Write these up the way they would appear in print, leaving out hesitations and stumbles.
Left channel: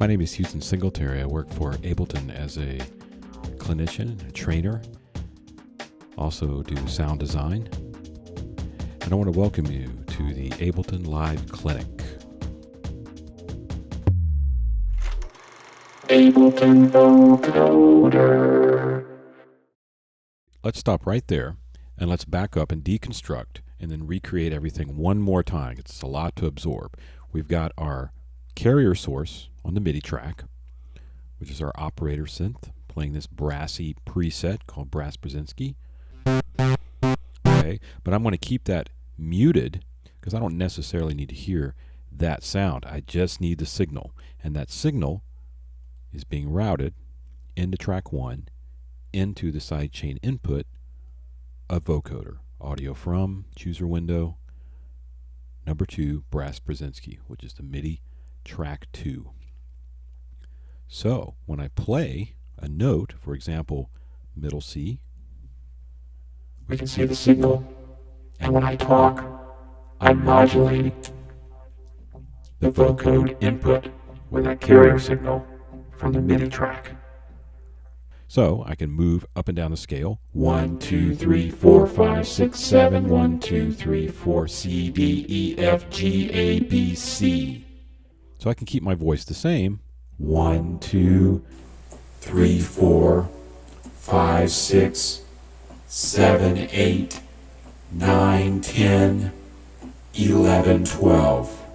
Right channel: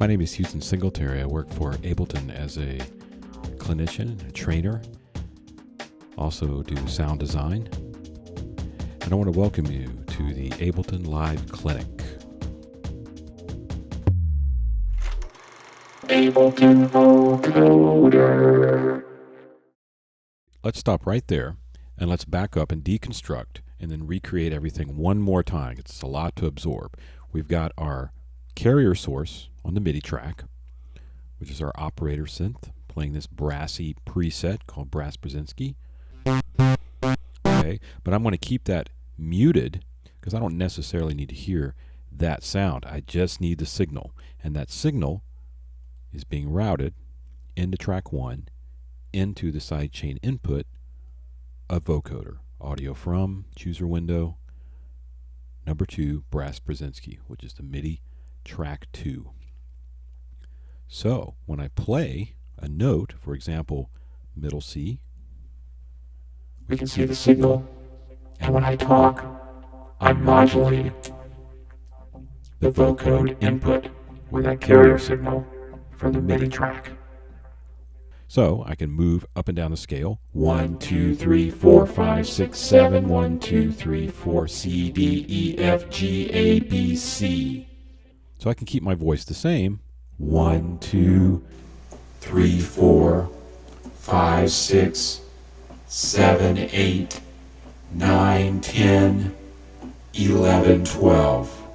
My name is Huston Singletary. I work for Ableton as a clinician, a trainer, also do sound design. And I want to welcome you to the Ableton Live Clinic. Ableton Vocoder. Let's stop right there and let's back up and deconstruct and then recreate everything one more time. It's a lot to absorb. We've got our carrier source on the MIDI track, which is our operator synth, playing this brassy preset called Brass Brzezinski. Okay, but I'm going to keep that muted because I don't necessarily need to hear that sound. I just need the signal, and that signal is being routed into track 1 into the sidechain input of vocoder. Audio from chooser window number 2, Brass Brzezinski, which is the MIDI track 2. So when I play a note, for example, middle C, we can see the signal, and when I talk, I'm modulating the vocode input with that carrier signal from the MIDI track. So I can move up and down the scale. 1, 2, 3, 4, 5, 6, 7. 1, 2, 3, 4, C, D, E, F, G, A, B, C. So I can keep my voice the same. 1, 2, 3, 4, 5, 6, 7, 8, 9, 10, 11, 12.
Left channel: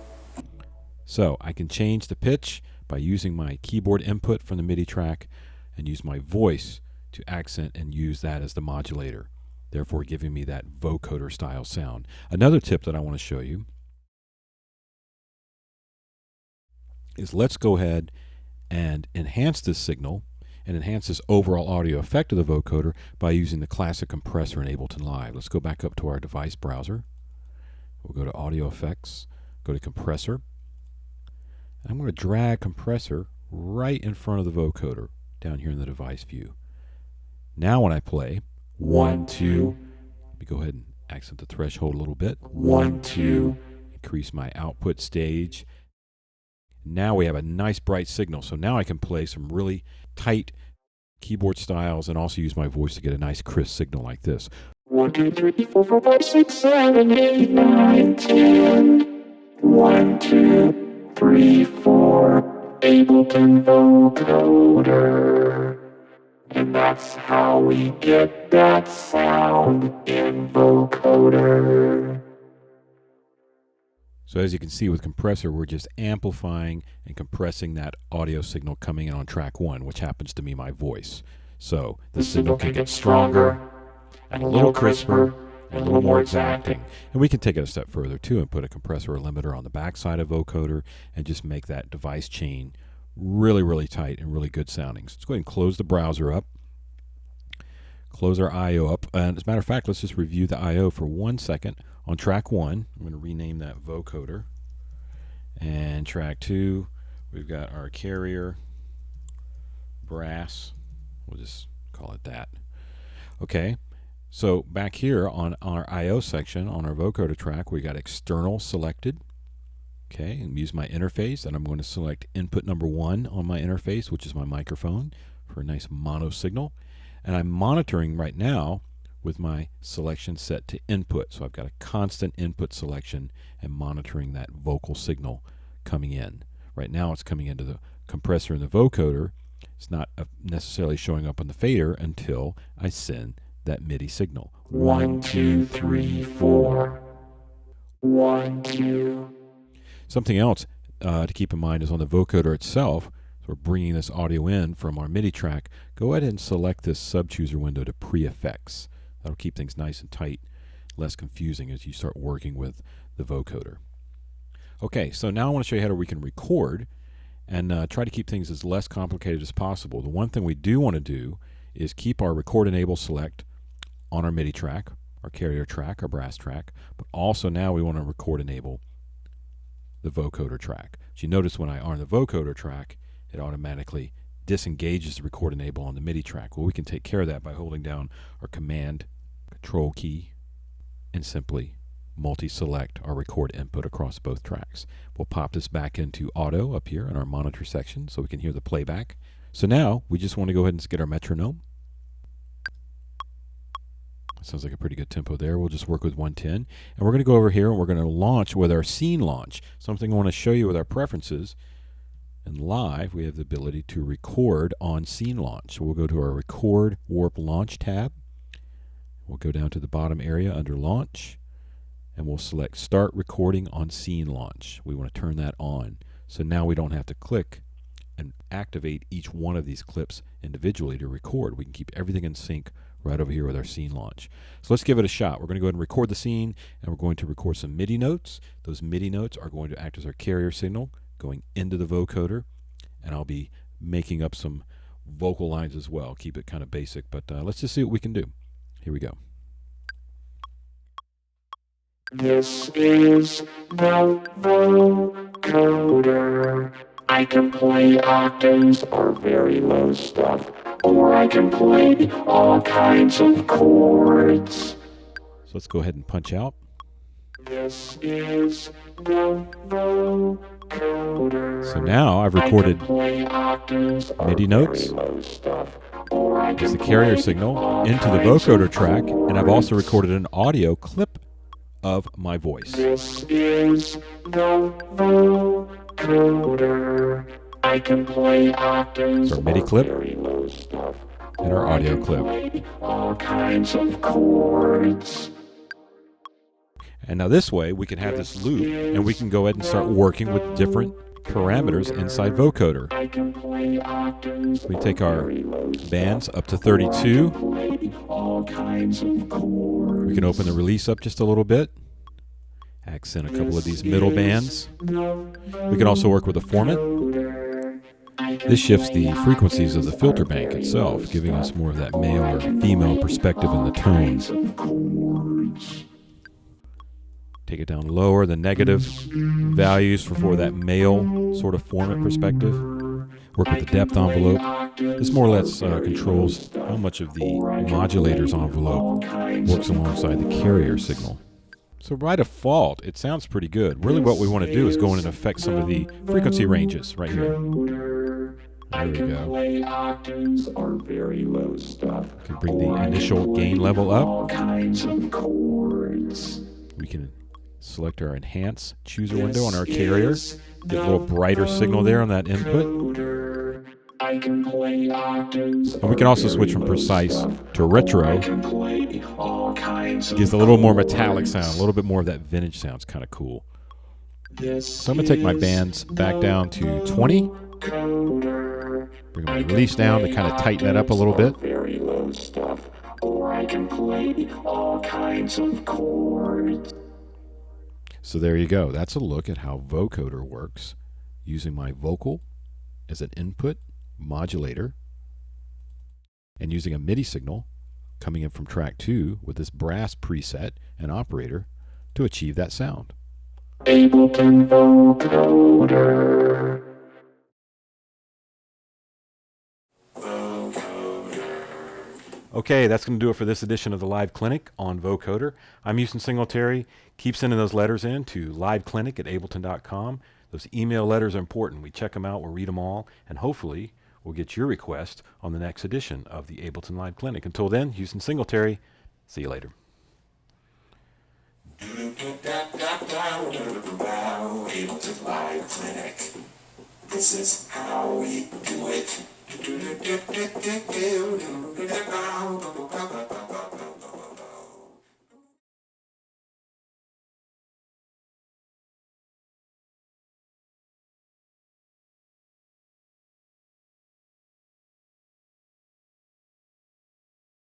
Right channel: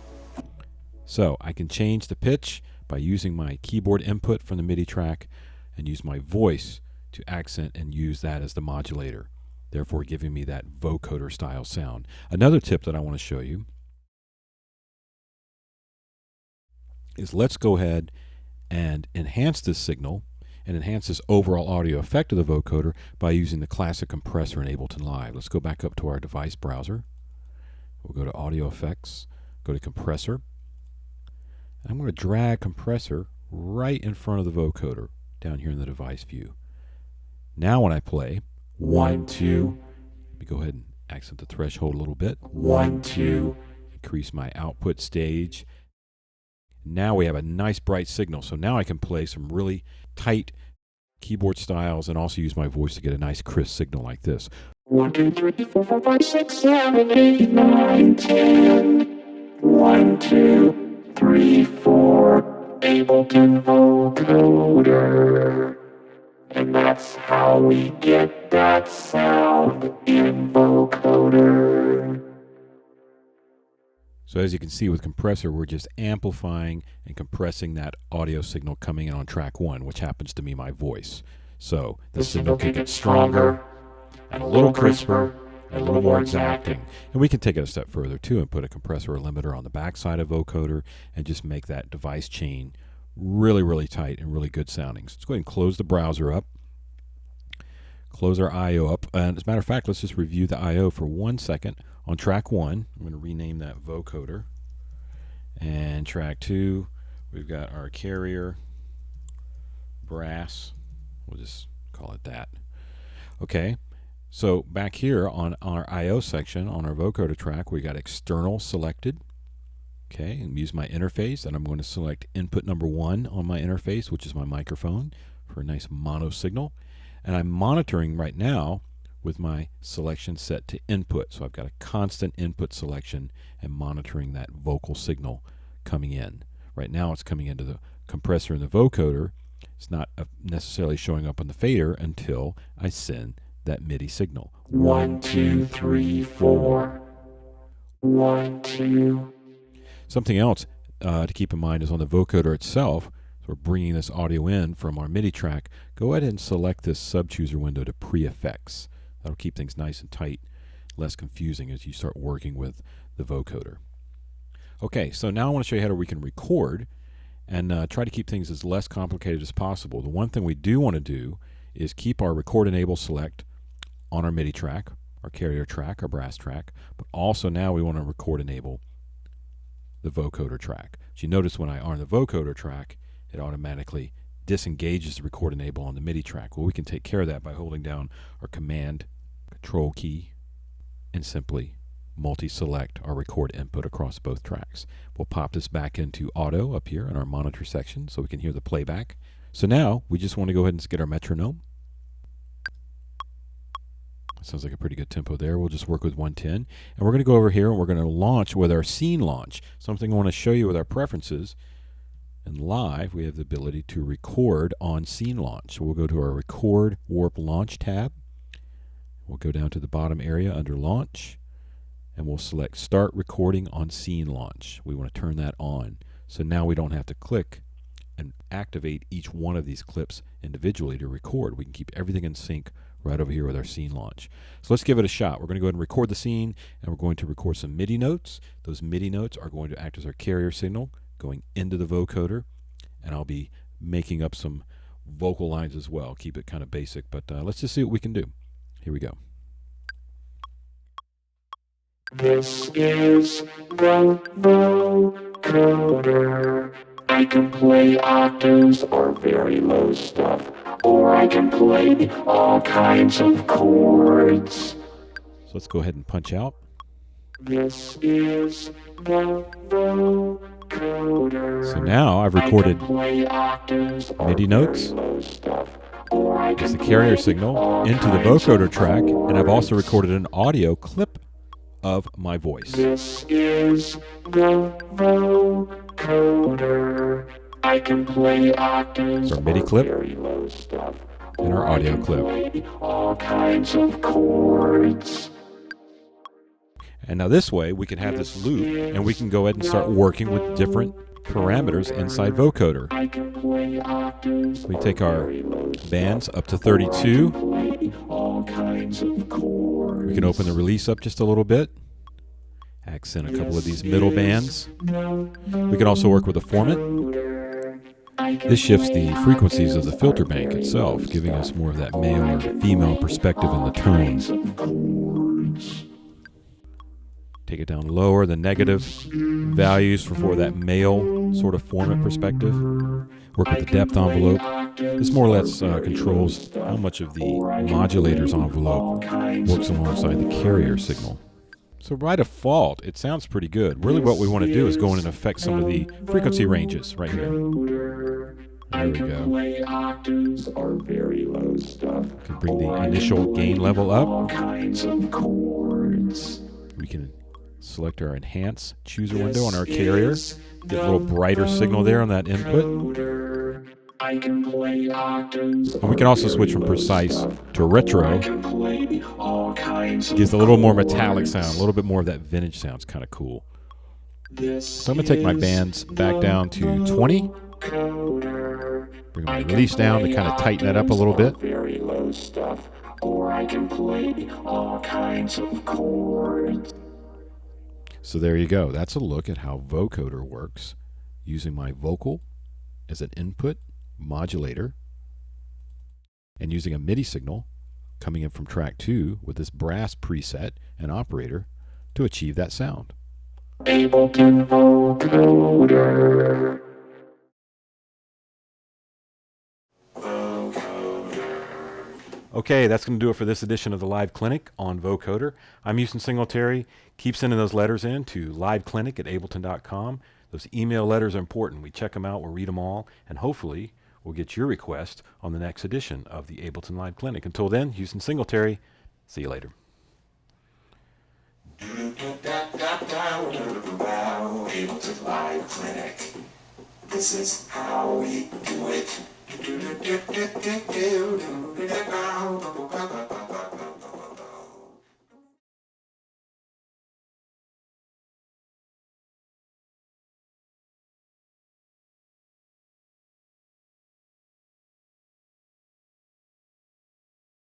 So I can change the pitch by using my keyboard input from the MIDI track and use my voice to accent and use that as the modulator, therefore giving me that vocoder style sound. Another tip that I want to show you is let's go ahead and enhance this signal and enhance this overall audio effect of the vocoder by using the classic compressor in Ableton Live. Let's go back up to our device browser. We'll go to Audio Effects, go to Compressor. And I'm going to drag compressor right in front of the vocoder down here in the device view. Now when I play 1, 2, let me go ahead and accent the threshold a little bit. 1, 2, increase my output stage. Now we have a nice bright signal, so now I can play some really tight keyboard styles and also use my voice to get a nice crisp signal like this. 1, 2, 3, 4, 5, 6, 7, 8, 9, 10. 1, 2, 3, 4. Ableton Vocoder. And that's how we get that sound in vocoder. So as you can see with compressor, we're just amplifying and compressing that audio signal coming in on track 1, which happens to be my voice. So the signal can get stronger and a little crisper and a little more exacting. And we can take it a step further too and put a compressor or limiter on the backside of vocoder and just make that device chain really, really tight and really good sounding. So let's go ahead and close the browser up. Close our I.O. up. And as a matter of fact, let's just review the I.O. for 1 second. On track 1, I'm going to rename that vocoder. And track 2, we've got our carrier, brass. We'll just call it that. Okay, so back here on our I.O. section on our vocoder track, we got external selected. Okay, and use my interface, and I'm going to select input number 1 on my interface, which is my microphone, for a nice mono signal. And I'm monitoring right now with my selection set to input. So I've got a constant input selection and monitoring that vocal signal coming in. Right now it's coming into the compressor in the vocoder. It's not necessarily showing up on the fader until I send that MIDI signal. 1, 2, 3, 4. 1, 2. Something else to keep in mind is on the vocoder itself, so we're bringing this audio in from our MIDI track. Go ahead and select this sub-chooser window to pre-effects. That'll keep things nice and tight, less confusing as you start working with the vocoder. Okay, so now I want to show you how we can record and try to keep things as less complicated as possible. The one thing we do want to do is keep our record enable select on our MIDI track, our carrier track, our brass track, but also now we want to record enable the vocoder track. So you notice when I on the vocoder track, it automatically disengages the record enable on the MIDI track. Well, we can take care of that by holding down our command control key and simply multi-select our record input across both tracks. We'll pop this back into auto up here in our monitor section so we can hear the playback. So now we just want to go ahead and get our metronome. Sounds like a pretty good tempo there. We'll just work with 110. And we're going to go over here and we're going to launch with our scene launch. Something I want to show you with our preferences. And live, we have the ability to record on scene launch. So we'll go to our Record Warp Launch tab. We'll go down to the bottom area under Launch. And we'll select Start Recording on Scene Launch. We want to turn that on. So now we don't have to click and activate each one of these clips individually to record. We can keep everything in sync right over here with our scene launch. So let's give it a shot. We're going to go ahead and record the scene, and we're going to record some MIDI notes. Those MIDI notes are going to act as our carrier signal going into the vocoder, and I'll be making up some vocal lines as well. Keep it kind of basic, but let's just see what we can do. Here we go. This is the vocoder. I can play octaves or very low stuff, or I can play all kinds of chords. So let's go ahead and punch out. This is the vocoder. So now I've recorded MIDI notes as the carrier signal into the vocoder track, and I've also recorded an audio clip of my voice. This is the vocoder. I can play octaves. So our MIDI clip very low stuff, and our audio clip. all kinds of chords. And now this way we can have this loop and we can go ahead and start working with different parameters inside vocoder. We take our bands up to 32. We can open the release up just a little bit. Accent a couple of these middle bands. We can also work with a format. This shifts the frequencies of the filter bank itself, giving us more of that male or female perspective in the tone. Take it down lower, the negative values for that male sort of format perspective. Work with the depth envelope. This more or less controls how much of the modulator's envelope works alongside the carrier signal. So by default, it sounds pretty good. Really what we want to do is go in and affect some of the frequency ranges right here. There we go. Can bring the initial gain level up. We can select our Enhance Chooser window on our carrier. Get a little brighter signal there on that input. And we can also switch from precise to retro. Gives a little more metallic sound, a little bit more of that vintage sound. It's kind of cool. So I'm going to take my bands back down to 20. Bring my release down to kind of tighten that up a little bit. Very low stuff, or I can play all kinds of chords. So there you go. That's a look at how vocoder works using my vocal as an input modulator and using a MIDI signal coming in from track 2 with this brass preset and operator to achieve that sound. Ableton Vocoder. Okay, that's going to do it for this edition of the Live Clinic on Vocoder. I'm Huston Singletary. Keep sending those letters in to liveclinic@ableton.com. Those email letters are important. We check them out, we'll read them all, and hopefully we'll get your request on the next edition of the Ableton Live Clinic. Until then, Huston Singletary. See you later. Ableton Live Clinic. This is how we do it.